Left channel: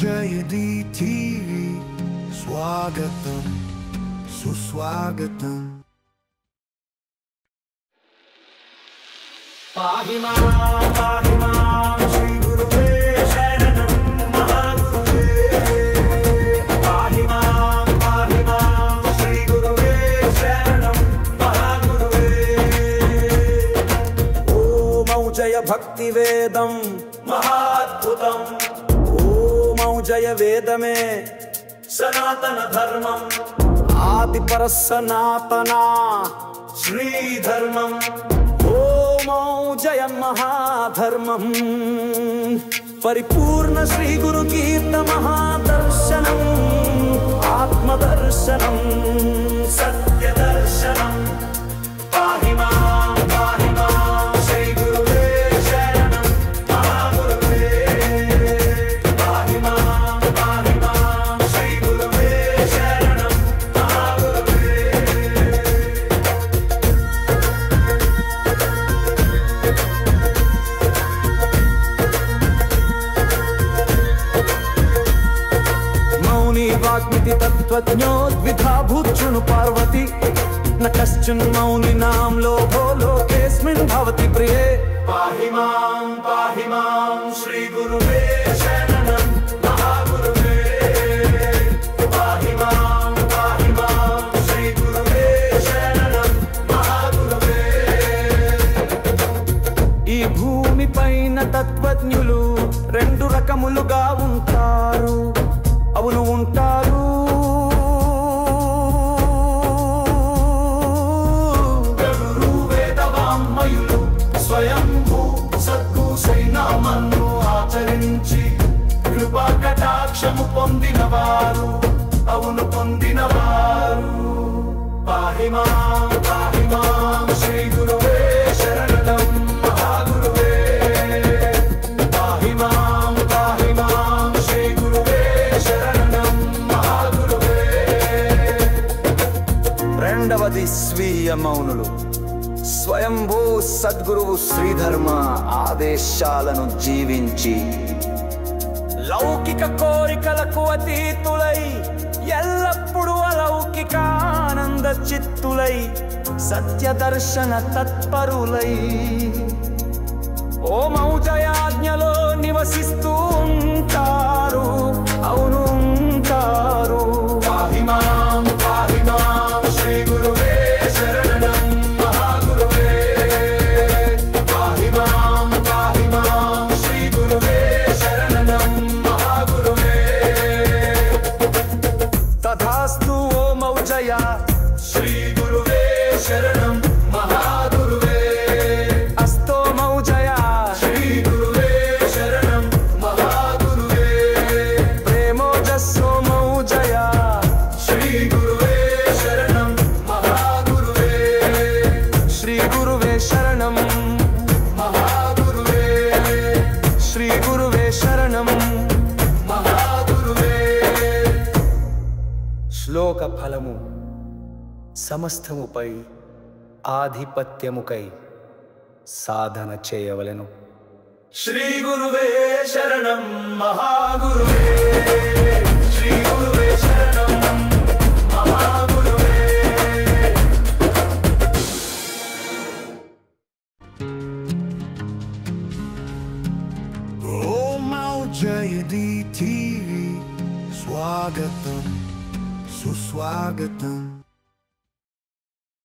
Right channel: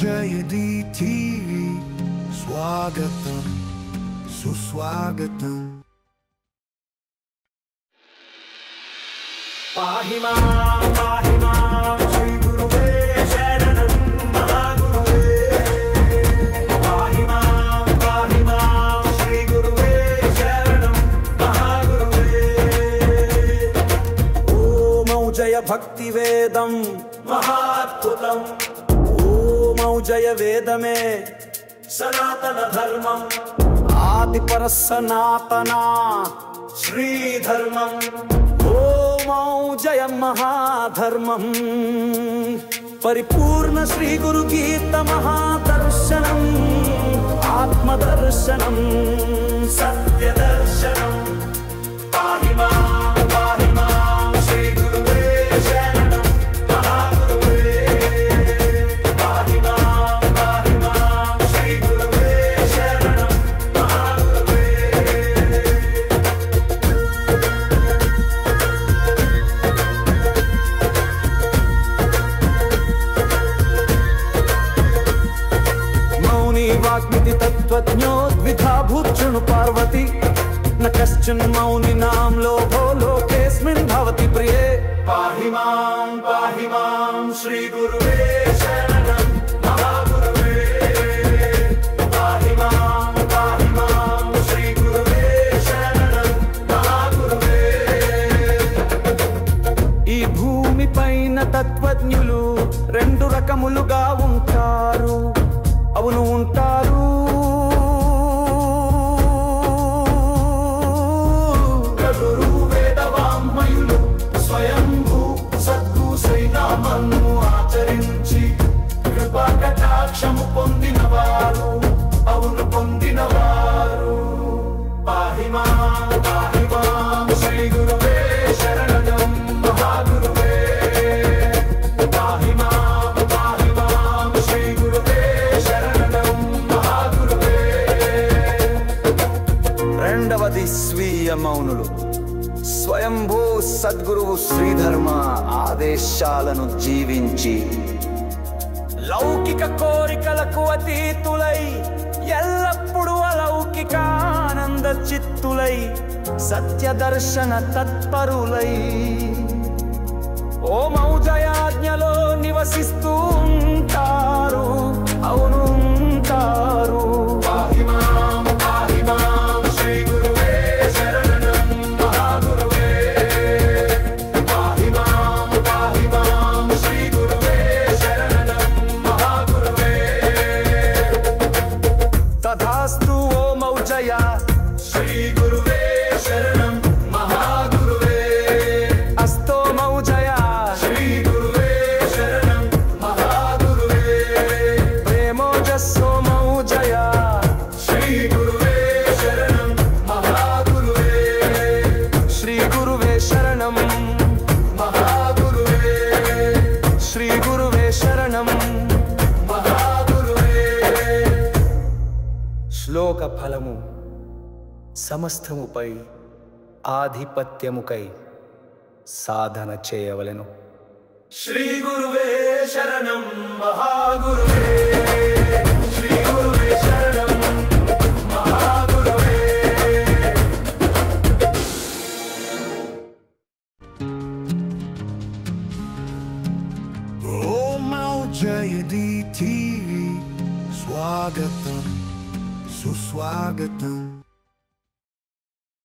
జయది TV స్వాగతం సుస్వాగతం. పాహి మాం శ్రీ గురువే శరణం మహాగురువే. పాహి మాం శ్రీ గురువే శరణం మహాగురువే. ఓమౌ జయ భక్తి వేదం మహాద్భుతం. ఓమౌ జయ వేదమే సనాతన ధర్మం. ఆదిపర సనాతనా శ్రీధర్మం. ఓమౌ జయ మహాధర్మం. పరిపూర్ణ శ్రీ గురు గీత మహాదర్శనం. ఆత్మదర్శనం సత్య దర్శనం. పాహి మాం శ్రీ గురువే శరణం మహాగురువే. పాహి మాం శ్రీ గురువే శరణం మహాగురువే. वाग्मिति तत्त्वज्ञो द्विधा भूतृणु पार्वती. न कश्चन मौनिनां लोभो लोकेऽस्मिन् भवति प्रिये. पाहि मां श्री गुरुवे शरणं महागुरुवे. पाहि मां श्री गुरुवे शरणं महागुरुवे. ఈ భూమి పైన తత్వజ్ఞులు రెండు రకములుగా ఉంటారు. అవును ఉంటారు. గరుడు వేదవాంగ్మయులు స్వయంభూ సద్గురు శ్రీనామను ఆచరించి కృపా కటాక్షము పొందినవారు. అవును పొందినవారు. పాహి మాం శ్రీ గురువే శరణం మహాగురువే. పాహి మాం శ్రీ గురువే రెండవది స్వీయ మౌనులు. స్వయంభూ సద్గురువు శ్రీధర్మ ఆదేశాలను జీవించి లౌకిక కోరికలకు అతీతులై ఎల్లప్పుడూ అలౌకిక ఆనంద చిత్తులై సత్య దర్శన తత్పరులై ఓమౌ జయాజ్ఞలో నివసిస్తూ ఉంటారు. అవును ఉంటారు. పాహి మాం శ్రీ గురువే శరణం మహాగురువే. పాహి మాం శ్రీ గురువే శరణం మహాగురువే. తథాస్తు ఓమౌ జయ శ్రీ గురువే శరణం మహాగురువే. అస్తోమౌ జయ శ్రీ గురువే శరణం మహాగురువే. ప్రేమోజస్సోమౌ జయ శ్రీ గురువే శరణం మహాగురువే. శ్రీ గురువే శరణం మహాగురువే. శ్రీ గురువే శరణం మహాగురువే. శ్లోక ఫలము సమస్తముపై ఆధిపత్యముకై సాధన చేయవలెను. శ్రీ గురువే శరణం మహాగురువే. శ్రీ గురువే శరణం మహాగురువే. ఓమౌ జయది టీవీ స్వాగతం సుస్వాగతం.